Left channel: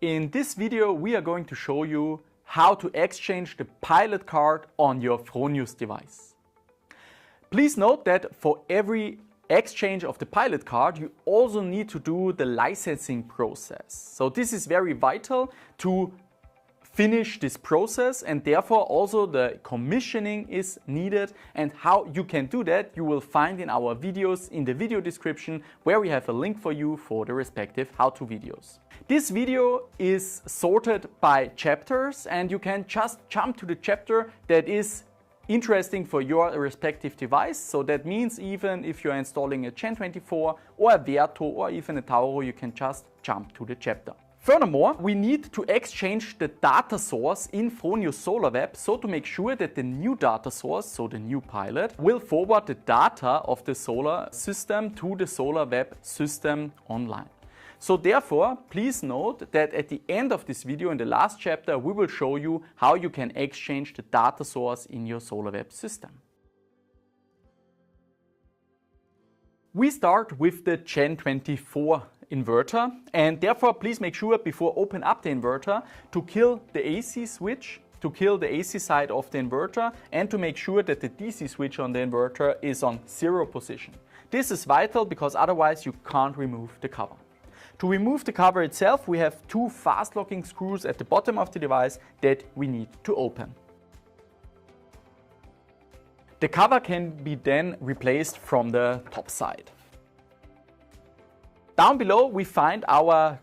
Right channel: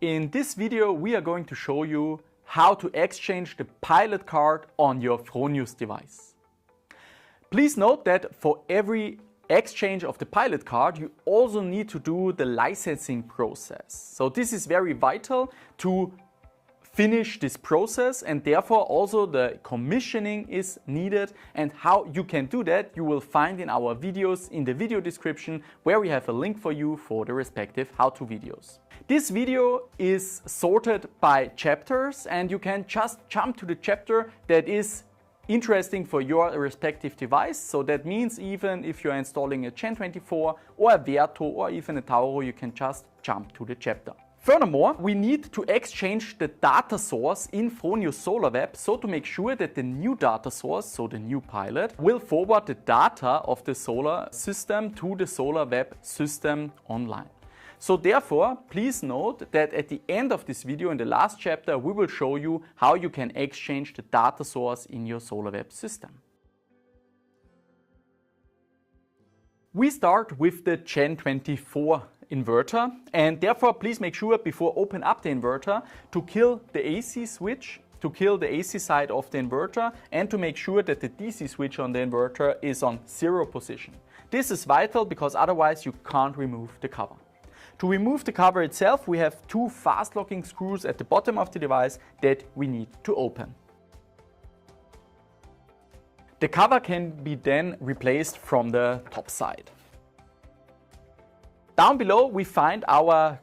In this video, we are going to show you how to exchange the pilot card on your Fronius device. Please note that for every exchange of the pilot card, you also need to do the licensing process. So this is very vital to finish this process, and therefore also the commissioning is needed. And how you can do that, you will find in our videos in the video description, where we have a link for you for the respective how-to videos. This video is sorted by chapters, and you can just jump to the chapter that is interesting for your respective device. So that means even if you're installing a GEN24 or a Verto or even a Tauro, you can just jump to the chapter. Furthermore, we need to exchange the data source in Fronius Solar.web, so to make sure that the new data source, so the new pilot, will forward the data of the solar system to the Solar.web system online. So therefore, please note that at the end of this video, in the last chapter, we will show you how you can exchange the data source in your Solar.web system. We start with the GEN24 inverter, and therefore please make sure before open up the inverter to kill the AC switch, to kill the AC side of the inverter, and to make sure that the DC switch on the inverter is on 0 position. This is vital because otherwise you can't remove the cover. To remove the cover itself, we have two fast locking screws at the bottom of the device that we need to open. The cover can be then replaced from the top side. Down below we find our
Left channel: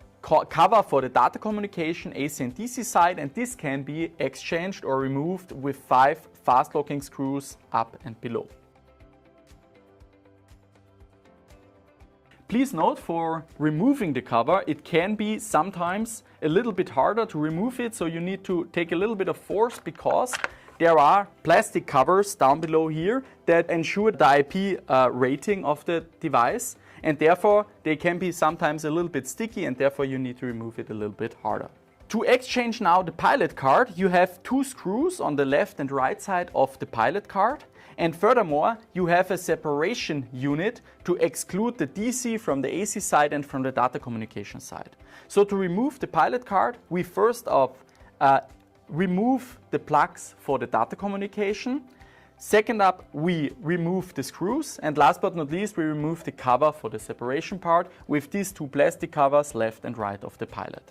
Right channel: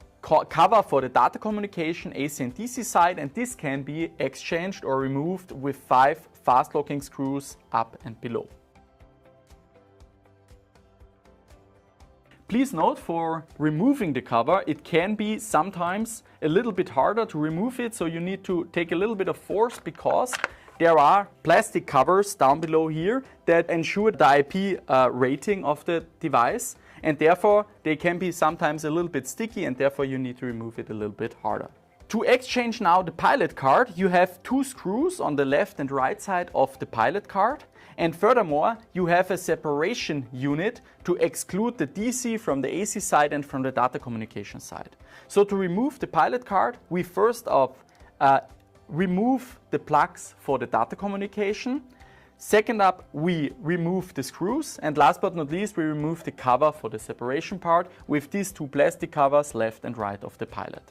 cover for the data communication AC and DC side, and this can be exchanged or removed with 5 fast locking screws up and below. Please note, for removing the cover, it can be sometimes a little bit harder to remove it, so you need to take a little bit of force because there are plastic covers down below here that ensure the IP rating of the device, and therefore they can be sometimes a little bit sticky, and therefore you need to remove it a little bit harder. To exchange now the pilot card, you have 2 screws on the left and right side of the pilot card. And furthermore, you have a separation unit to exclude the DC from the AC side and from the data communication side. So to remove the pilot card, we first off remove the plugs for the data communication. Second up, we remove the screws. And last but not least, we remove the cover for the separation part with these 2 plastic covers left and right of the pilot.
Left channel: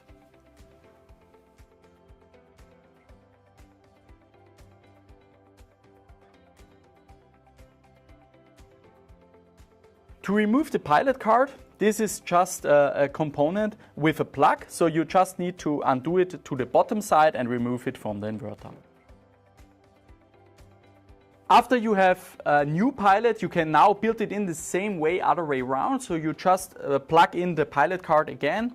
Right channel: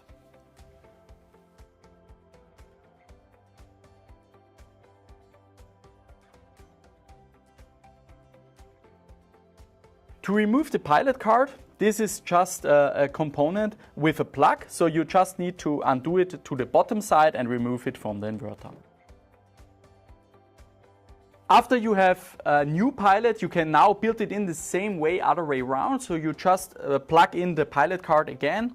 To remove the pilot card, this is just a component with a plug, so you just need to undo it to the bottom side and remove it from the inverter. After you have a new pilot, you can now build it in the same way, other way around. So you just plug in the pilot card again,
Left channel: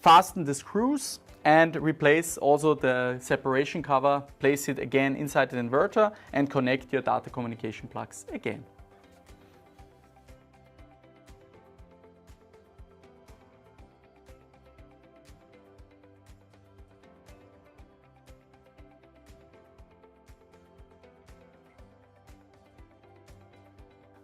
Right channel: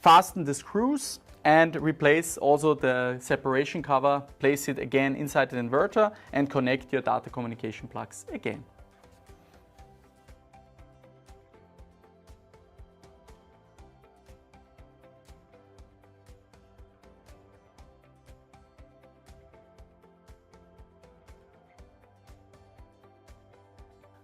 fasten the screws, and replace also the separation cover, place it again inside the inverter, and connect your data communication plugs again.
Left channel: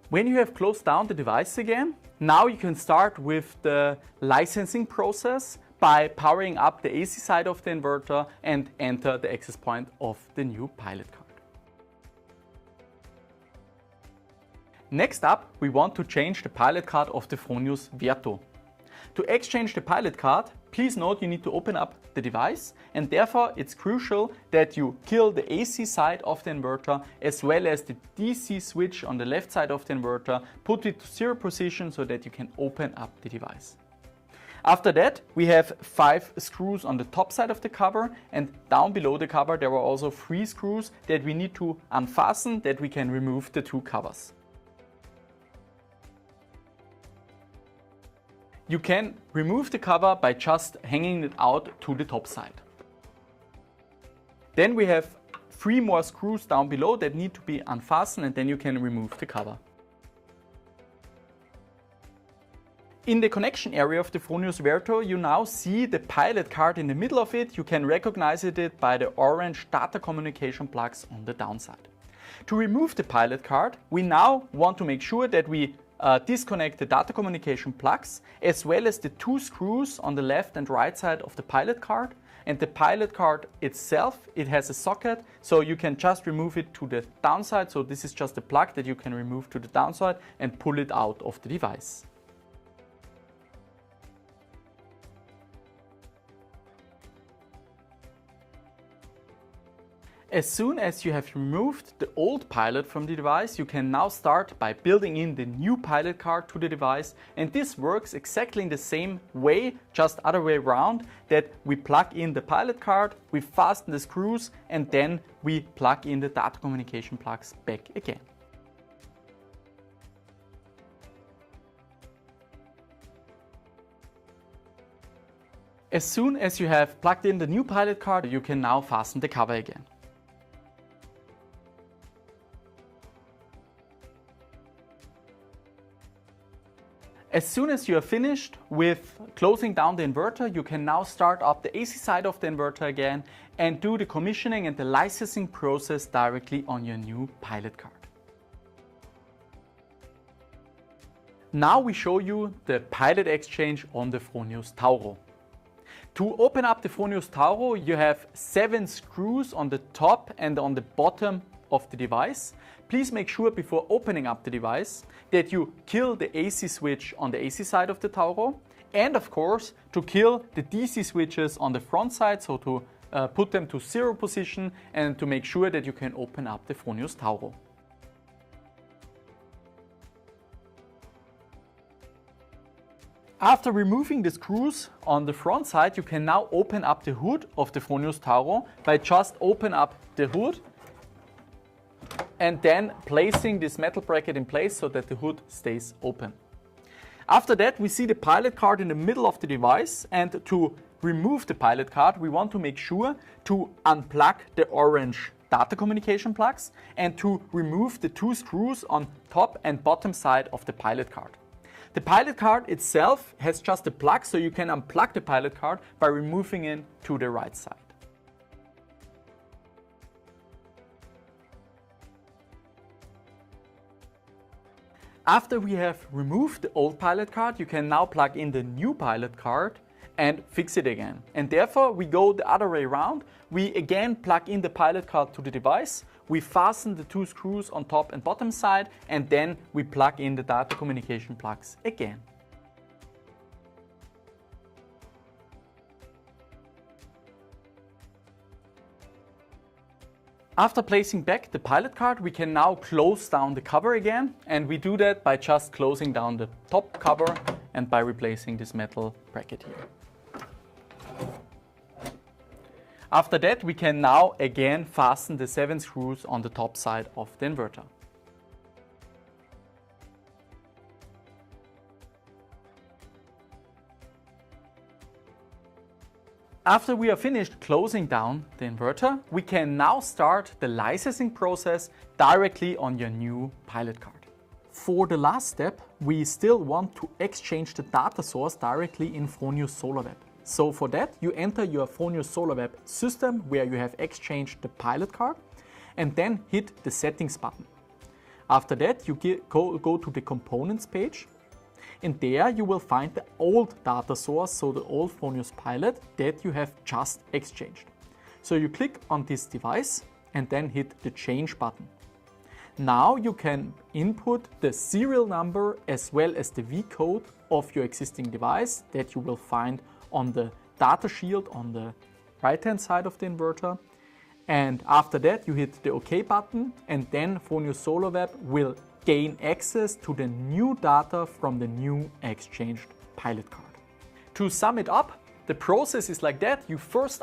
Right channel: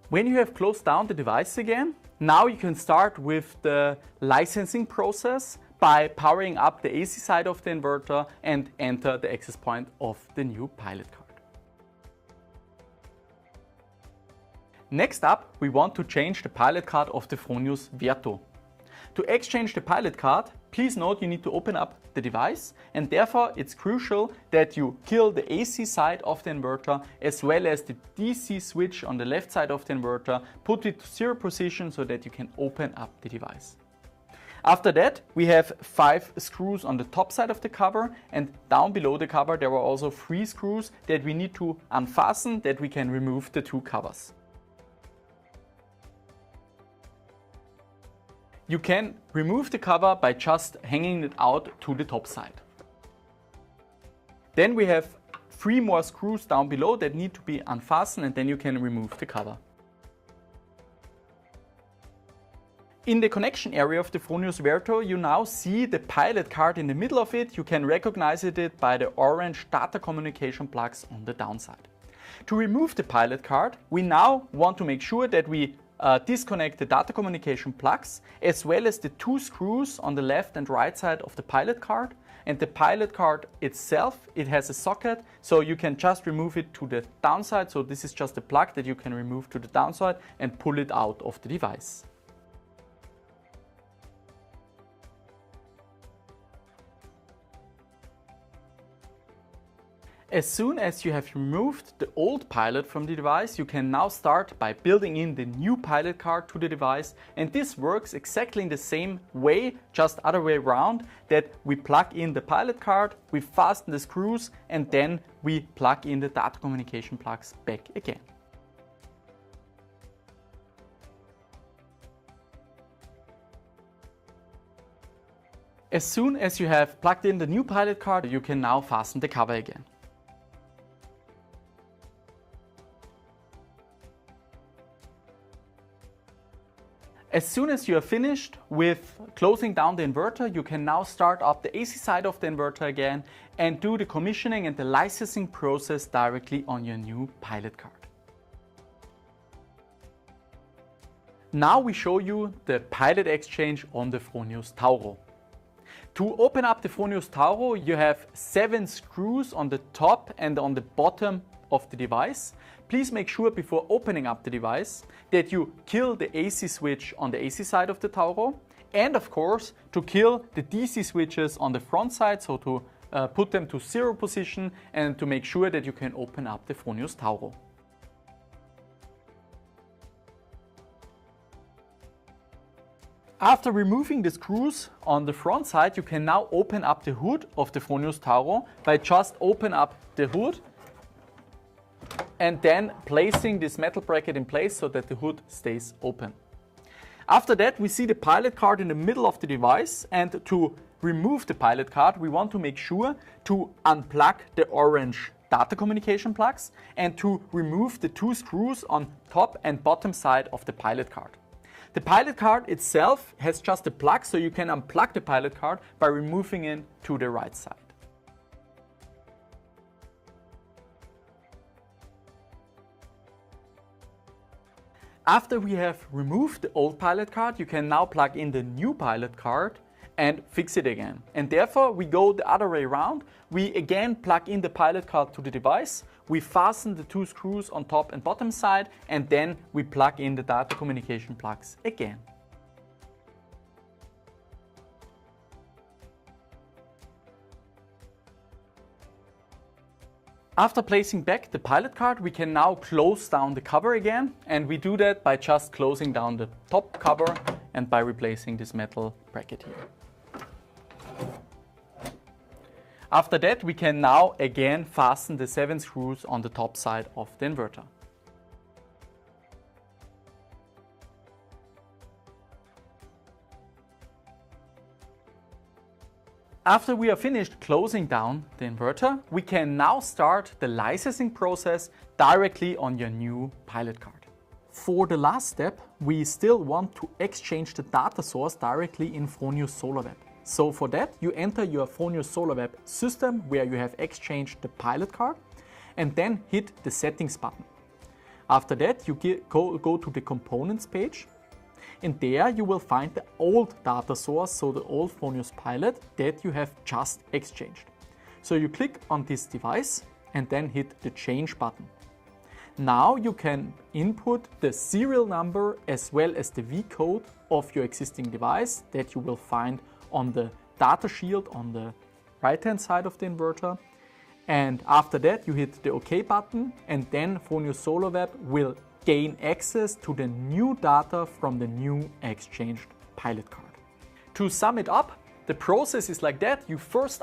When you have closed down the device again, now you can start with the licensing process by powering up the AC side of the inverter and enter the access point of the new pilot card. Next up, we want to change the pilot card of the Fronius Verto. To exchange the pilot card, please note you need to open up the device, and therefore it's crucial that you kill the AC side of the inverter as well as the DC switch on the left side of the inverter, put it to 0 position so that you can open up the device. After that, we have 5 screws on the top side of the cover, and down below the cover there are also 3 screws that we need to unfasten, that we can remove the 2 covers. You can remove the cover by just hanging it out to the top side. Then we have 3 more screws down below that need to be unfastened, and then you can remove the cover. In the connection area of the Fronius Verto, you now see the pilot card in the middle of it. You can recognize it by the orange data communication plugs on the downside. To remove the pilot card, we now want to make sure that we disconnect the data communication plugs as well as the 2 screws on the left and right side of the pilot card. And the pilot card itself, it has a socket, so you can just remove it to the downside. So this is just a plug that you can remove to the downside and pull it out of the device. As soon as you have removed the old pilot from the device, you can now start by building in the new pilot card to the device. And this works exactly in the same way, just other way around, that we plug in the pilot card, we fasten the screws, and then we plug in the data communication plugs back again. As soon as you have plugged in the new pilot card, you can now fasten the cover again. As soon as you are finished with closing down the inverter, you can now start up the AC side of the inverter again and do the commissioning and the licensing process directly on your new pilot card. Now we show you the Pilot Exchange on the Fronius Tauro. To open up the Fronius Tauro, you have 7 screws on the top and on the bottom of the device. Please make sure before opening up the device that you kill the AC switch on the AC side of the Tauro, and of course to kill the DC switches on the front side, so to put them to 0 position and to make sure that you can open up the Fronius Tauro. After removing the screws on the front side, you can now open up the hood of the Fronius Tauro by just open up the hood and then placing this metal bracket in place so that the hood stays open. After that, we see the pilot card in the middle of the device, and to remove the pilot card, we want to make sure to unplug the orange data communication plugs and to remove the 2 screws on top and bottom side of the pilot card. The pilot card itself has just a plug, so you can unplug the pilot card by removing it to the right side. After we have removed the old pilot card, you can now plug in the new pilot card and fix it again. And therefore we go the other way around. We again plug in the pilot card to the device, we fasten the 2 screws on top and bottom side, and then we plug in the data communication plugs again. After placing back the pilot card, we can now close down the cover again, and we do that by just closing down the top cover and by replacing this metal bracket here. After that, we can now again fasten the 7 screws on the top side of the inverter. After we are finished closing down the inverter, we can now start the licensing process directly on your new pilot card. For the last step, we still want to exchange the data source directly in Fronius Solar.web. So for that, you enter your Fronius Solar.web system where you have exchanged the pilot card and then hit the settings button. After that, you go to the components page. And there you will find the old data source, so the old Fronius Pilot that you have just exchanged. So you click on this device and then hit the change button. Now you can input the serial number as well as the V code of your existing device that you will find on the data shield on the right hand side of the inverter. And after that you hit the OK button, and then Fronius Solar.web will gain access to the new data from the new exchanged pilot card. To sum it up, the process is like that. You first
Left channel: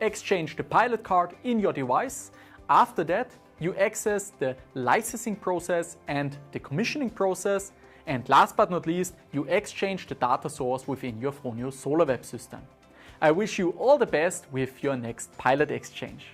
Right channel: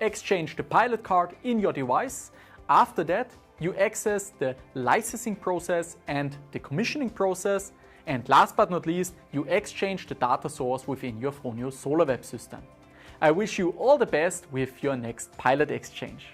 exchange the pilot card in your device. After that, you access the licensing process and the commissioning process. And last but not least, you exchange the data source within your Fronius Solar.web system. I wish you all the best with your next Pilot Exchange.